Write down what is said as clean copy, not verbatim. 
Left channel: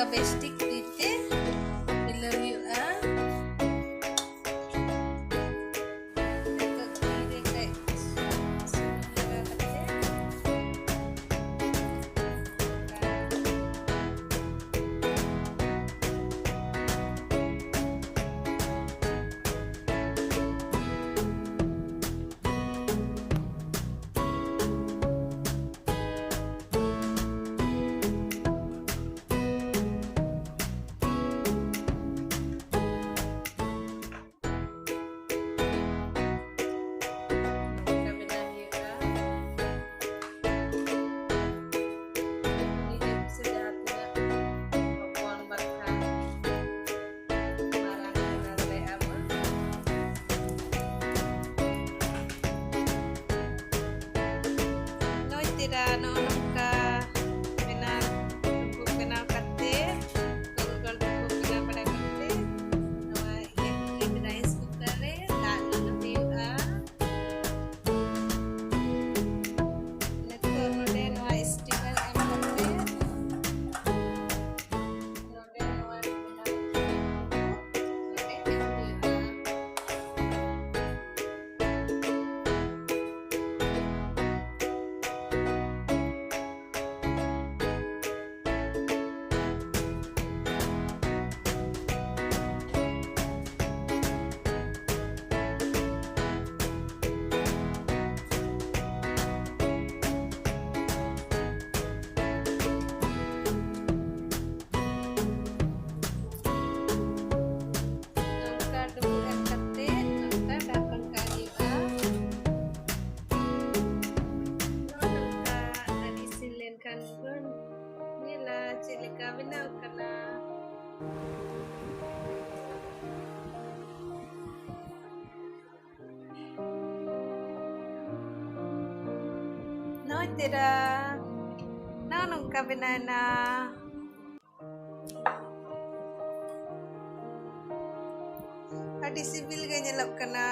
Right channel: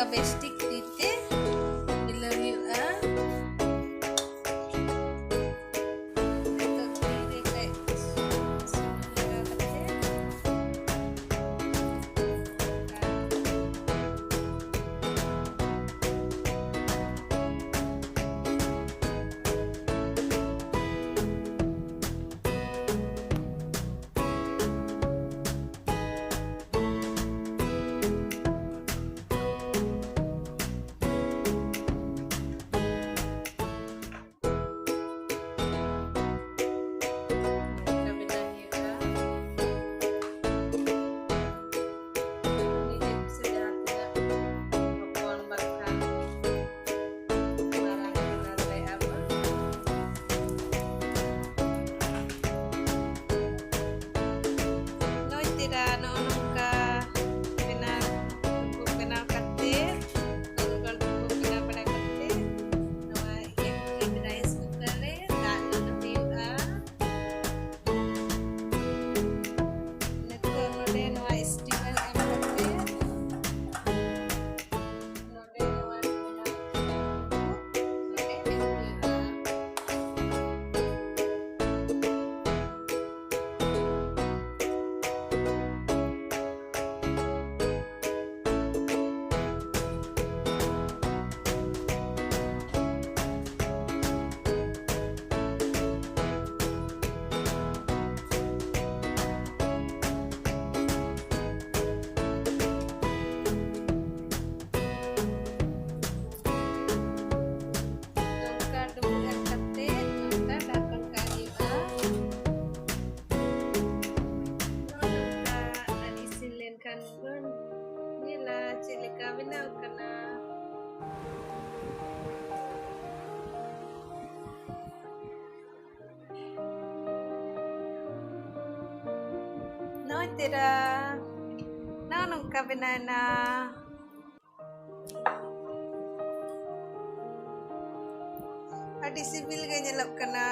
nongka bestik tite milau hu'a. Nito tire kay sunod kate. Tira noonong ka dumbu benaw kate gol dumbu benaw pada kate nawa electric rice cooker re dak na tiu'a neto node nawa steamer em kate node nawa benaw node em tiu'a. Kan pun nila cilika benaw kana no tira nung ka benana adi sibil ga nyelap kana